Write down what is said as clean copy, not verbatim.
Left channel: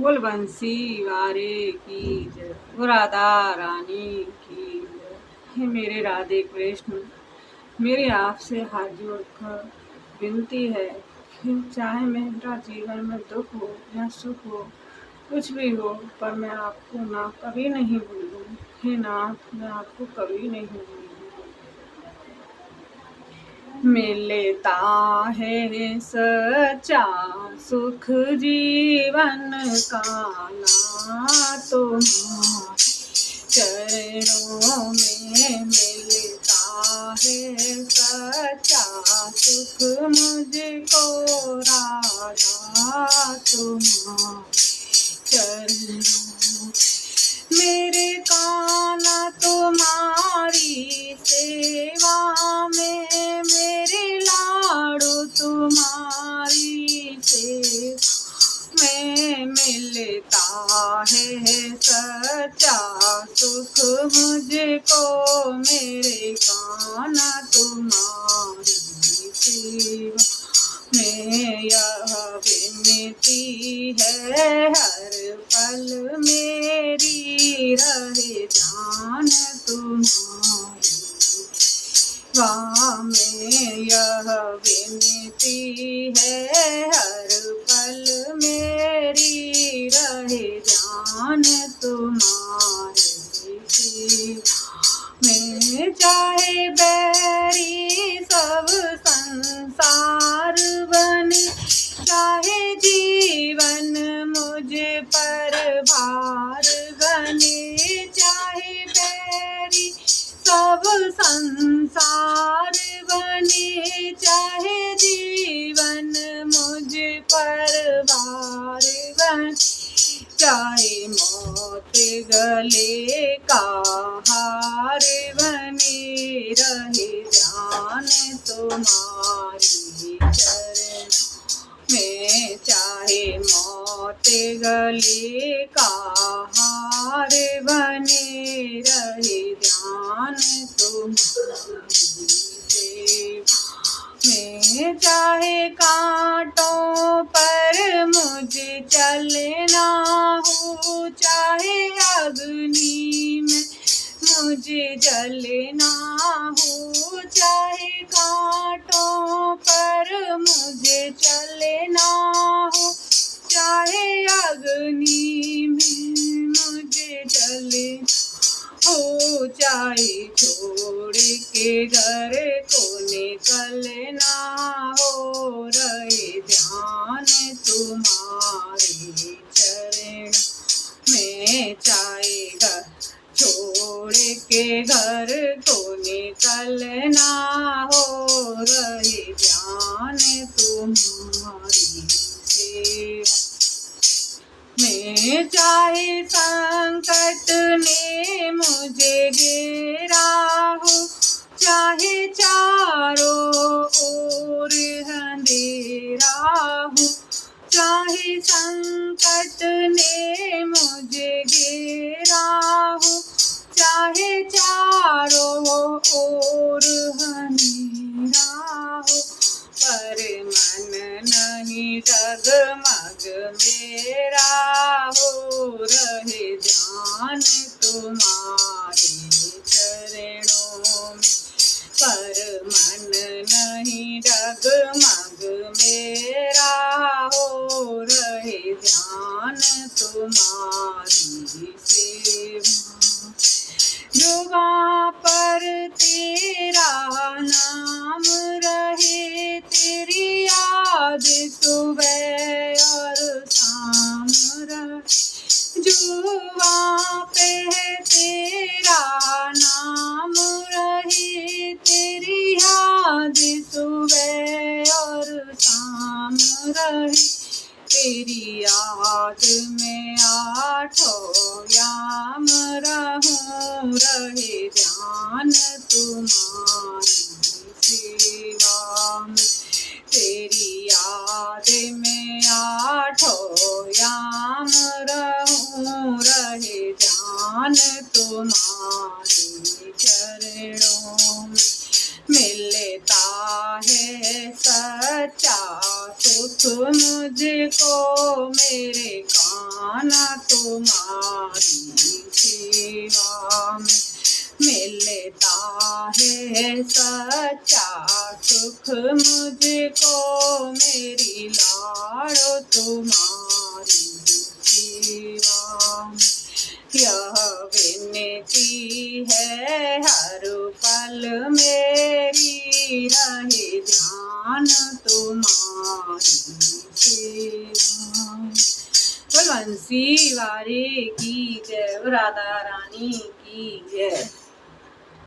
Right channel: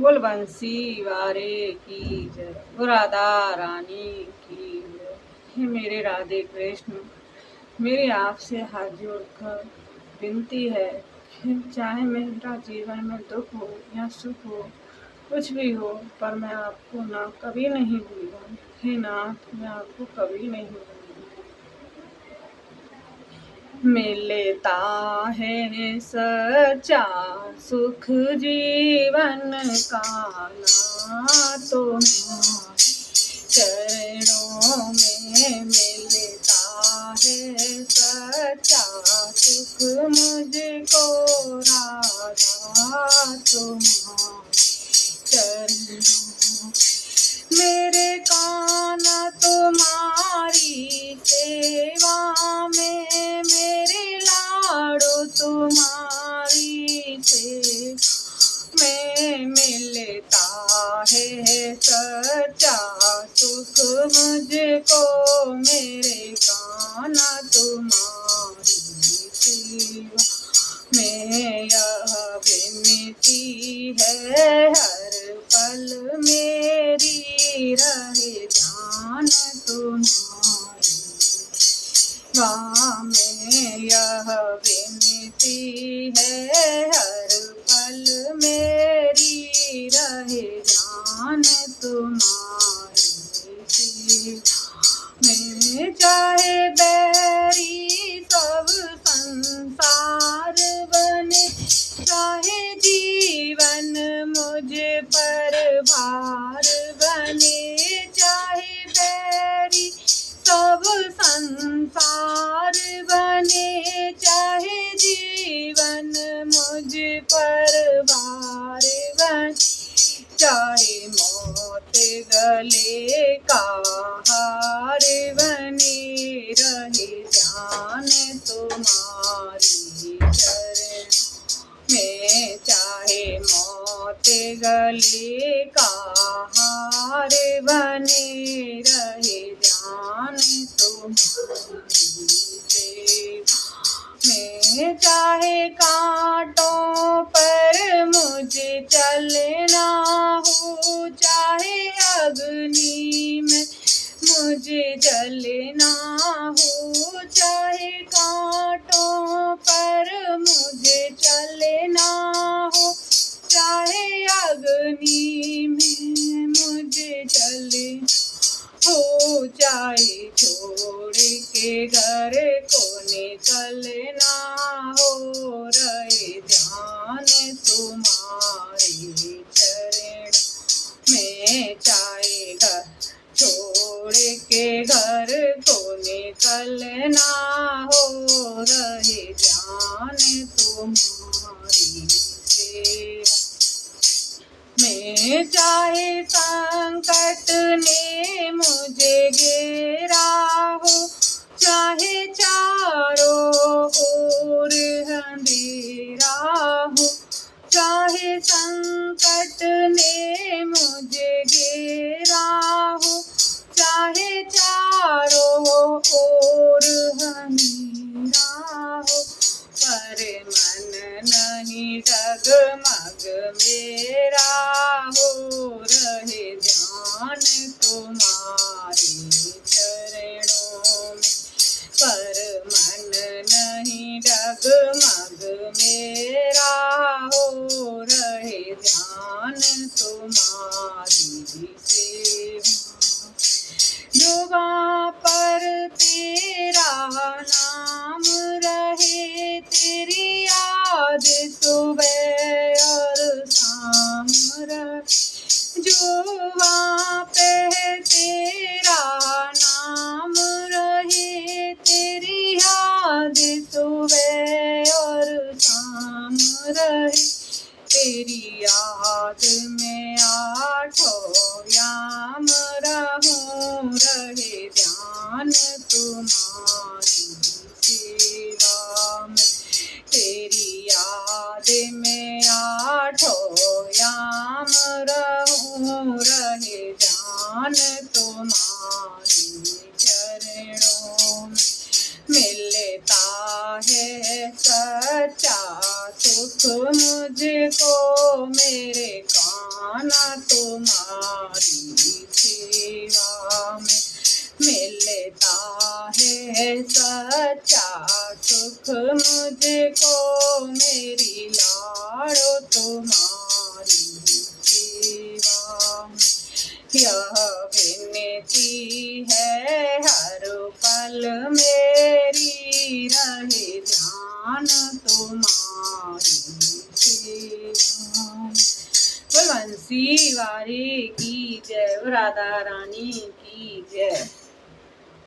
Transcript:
बोल बंसी वारे की जय, वो राधा रानी की जय। हे मेरे राधे कृष्ण, मेरी आपसे हाथ जोड़कर विनती है कि चाहे मेरा जीवन में दुख हो या सुख हो, कुछ भी हो, पर मैं आपको ना कभी नहीं भूलूं। हे नाथ, मैं आपको कभी नहीं भूलूं। मिलता है सच्चा सुख जीवन का ना तुम्हारे चरणों में मिलता है सच्चा सुख मुझको राधा तुम्हारे चरणों। मेरे कान्हा तुम्हारी सेवा में, मेरे लाडो तुम्हारी सेवा में मिलता है सच्चा सुख मुझको। मेरे कान्हा तुम्हारी सेवा में यह विनती है, हर पल मेरी रहे ध्यान तुम्हारी। वाह में यह विनती है, हर पल मेरी रहे ध्यान तुम्हारे। में चाहे बैरी सब संसार बने, चाहे जीवन मुझ पर भार बने, चाहे बैरी सब संसार बने, चाहे जीवन मुझ पर भार बने, चाहे मौत गले का हार बने, रहे ध्यान तुम्हारी चरण में। चाहे मौत गले का हार बने, रहे ध्यान तुम्हारी सेवा में। चाहे कांटों पर मुझे चलना हो, चाहे अग्नि में मुझे जलना हो, चाहे कांटों पर मुझे चलना हो, चाहे अग्नि में मुझे जलना हो, चाहे छोड़ के घर को निकलना हो, रहे ध्यान तुम्हारे चरण में। चाहे घर छोड़ के घर को निकलना हो, रहे ध्यान तुम्हारी सेवा में। चाहे संकट ने मुझे घेरा हो, चाहे चारों ओर अंधेरा हो, चाहे संकट ने मुझे घेरा हो, चाहे चारों ओर अंधेरा हो, पर मन नहीं डगमग मेरा हो, रहे ध्यान तुम्हारे चरणों में। पर मन नहीं डगमग मेरा हो, रहे ध्यान तुम्हारी सेवा। जुबां पर तेरा नाम रहे, तेरी याद सुबह और शाम रहे। जुबां पे तेरा नाम रहे, तेरी याद सुबह और शाम रहे, तेरी याद में आठों याम रहूं, रहे ध्यान तुम्हारी सेवा में। तेरी याद में आठों याम रहूं, रहे ध्यान तुम्हारे चरणों में। मिलता है सच्चा सुख मुझको, मेरे कान्हा ध्यान तुम्हारी सेवा में मिलता है सच्चा सुख मुझको, मेरी लाड़ो तुम्हारी सेवा में। यह विनती है हर पल मेरी, रहे ध्यान तुम्हारी सेवा में। बंसी वारे की जय, राधा रानी की जय।